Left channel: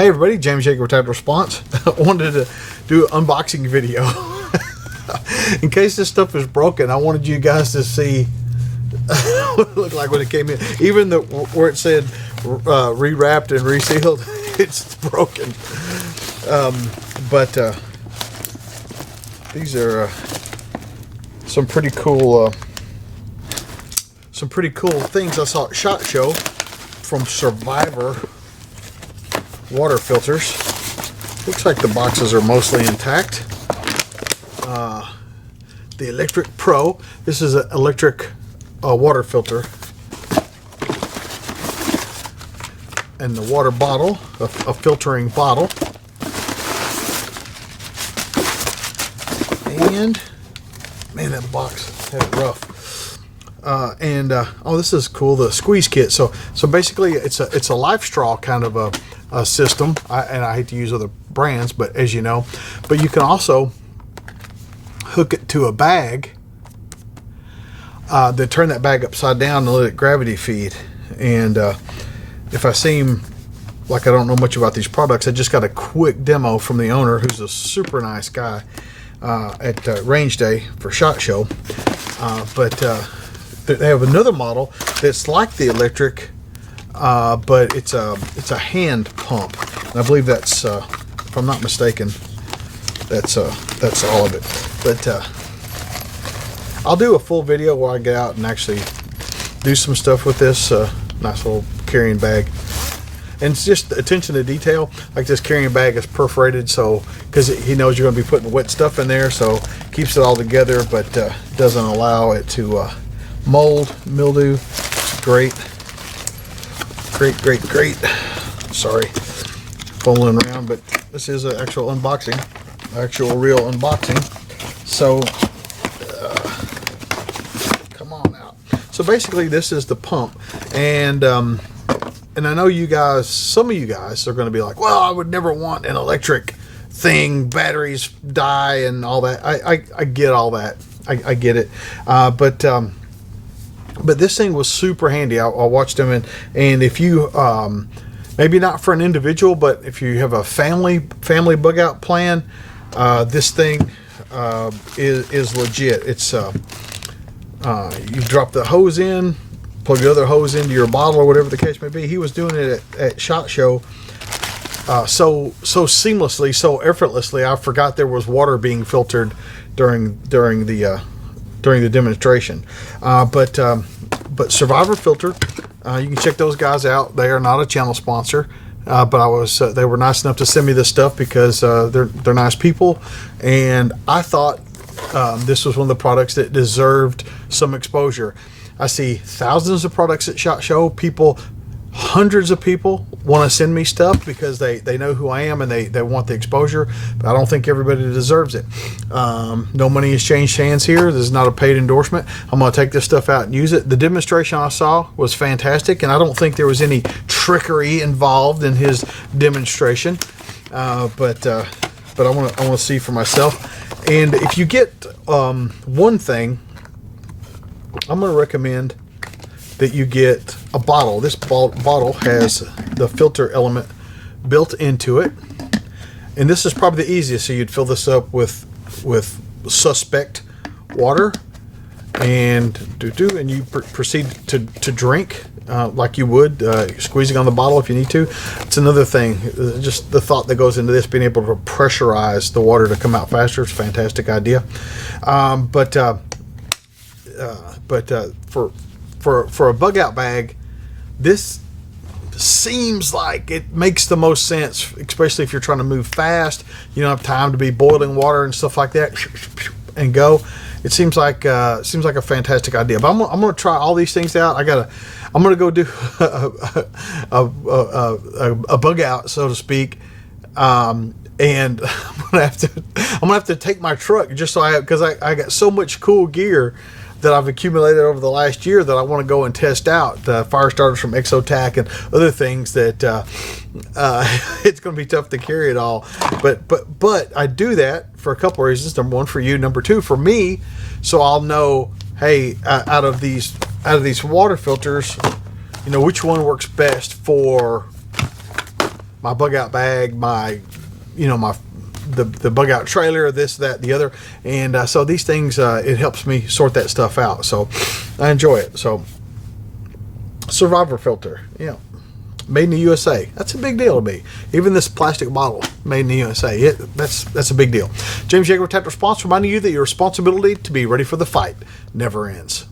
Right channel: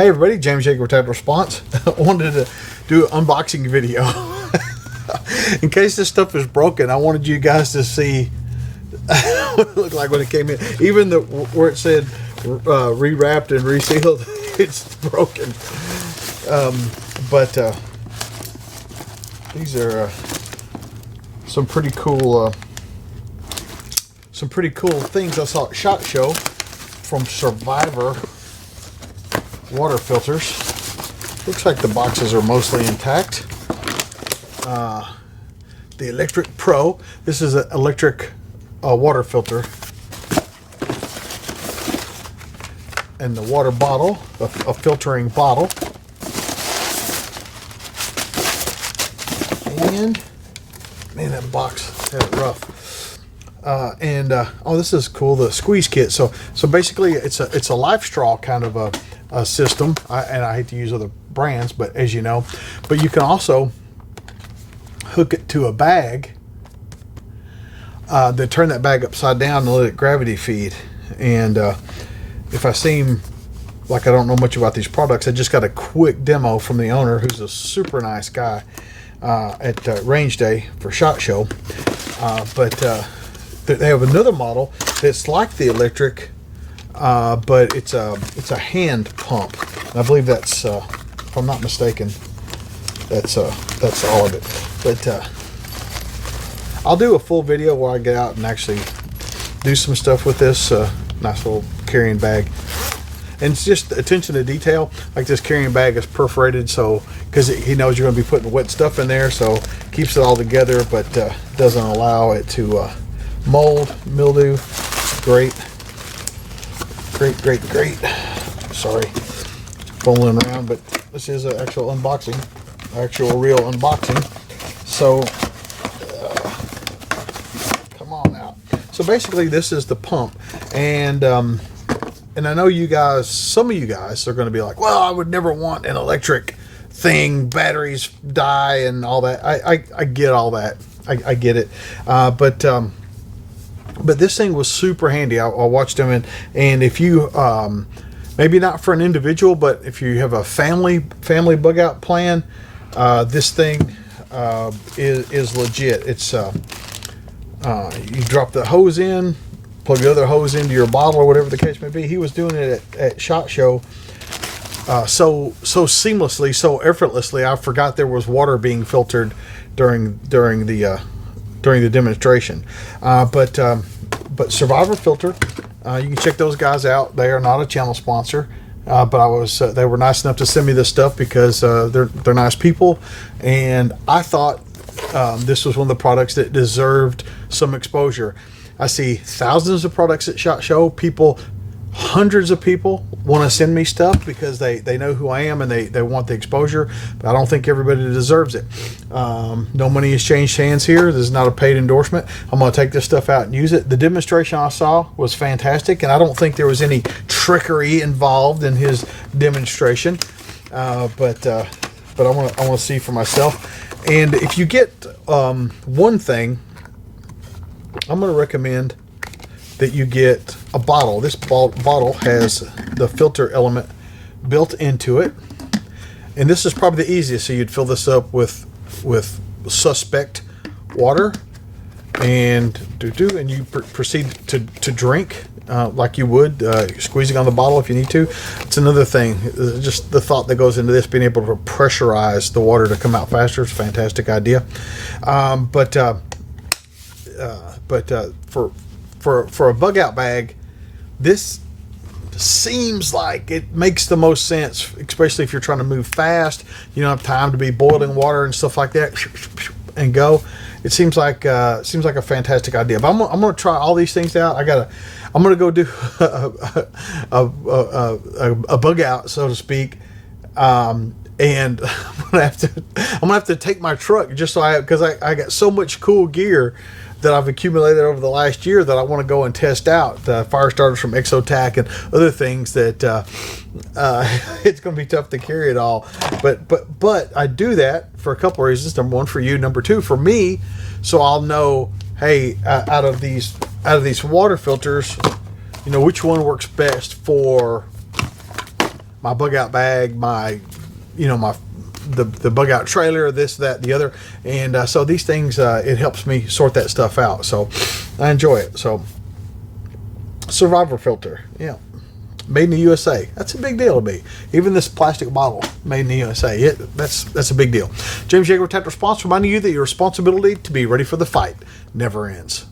Hey everybody, James Jacob Tactical Response. I wanted to do an unboxing video. In case this stuff is broken, I wanted you guys to see what it looked like when it came in. Even where it said rewrapped and resealed, it's broken. But these are some pretty cool things I saw at SHOT Show from Survivor water filters. Looks like the boxes are mostly intact. The Electric Pro. This is an electric water filter. And the water bottle, a filtering bottle. And man, that box had it rough. Oh, this is cool. The squeeze kit. So basically, it's a life straw kind of a system. And I hate to use other brands, but as you know, but you can also hook it to a bag. Then turn that bag upside down and let it gravity feed. And if I seem like I don't know much about these products, I just got a quick demo from the owner, who's a super nice guy, at Range Day for SHOT Show. But they have another model that's like the electric, but it's a hand pump. And I believe that's, if I'm not mistaken, that's all of it. But I'll do a full video where I get out and actually do some stuff with this nice little carrying bag. And it's just attention to detail. Like this carrying bag is perforated, so because he knows you're going to be putting wet stuff in there, so keeps it all together, but doesn't allow it to mold, mildew. It's great. Great. Sorry, fooling around, but this is an actual unboxing, real unboxing. So come on out. So basically, this is the pump, and I know you guys, some of you guys are going to be like, well, I would never want an electric thing, batteries die and all that. I get all that. I get it. But this thing was super handy. I watched them, and if you, maybe not for an individual, but if you have a family bug out plan, this thing is legit. It's you drop the hose in, plug the other hose into your bottle or whatever the case may be. He was doing it at SHOT Show so seamlessly, so effortlessly. I forgot there was water being filtered during the demonstration. But Survivor Filter, you can check those guys out. They are not a channel sponsor, but they were nice enough to send me this stuff because they're nice people, and I thought this was one of the products that deserved some exposure. I see thousands of products at SHOT Show. Hundreds of people want to send me stuff because they know who I am and they want the exposure, but I don't think everybody deserves it. No money has changed hands here. This is not a paid endorsement. I'm going to take this stuff out and use it. The demonstration I saw was fantastic, and I don't think there was any trickery involved in his demonstration. But I want to see for myself. And if you get one thing, I'm going to recommend that you get a bottle. This bottle has the filter element built into it, and this is probably the easiest. So you'd fill this up with suspect water, and you proceed to drink like you would, squeezing on the bottle if you need to. It's another thing, just the thought that goes into this, being able to pressurize the water to come out faster. It's a fantastic idea. For a bug out bag, this seems like it makes the most sense, especially if you're trying to move fast. You don't have time to be boiling water and stuff like that and go. It seems like a fantastic idea. But I'm gonna try all these things out. I'm gonna go do a bug out, so to speak. And I'm gonna have to take my truck just so because I got so much cool gear that I've accumulated over the last year that I want to go and test out. The fire starters from Accu-Tac and other things that it's going to be tough to carry it all. But I do that for a couple of reasons. Number one, for you. Number two, for me, so I'll know, hey, out of these water filters, you know, which one works best for my bug out bag, my, you know, my the bug out trailer, this, that, the other. And so these things, it helps me sort that stuff out. So I enjoy it. So Survivor filter, yeah, made in the USA. That's a big deal to me. Even this plastic bottle, made in the USA. That's a big deal. James Yeager, Tactical Response, reminding you that your responsibility to be ready for the fight never ends.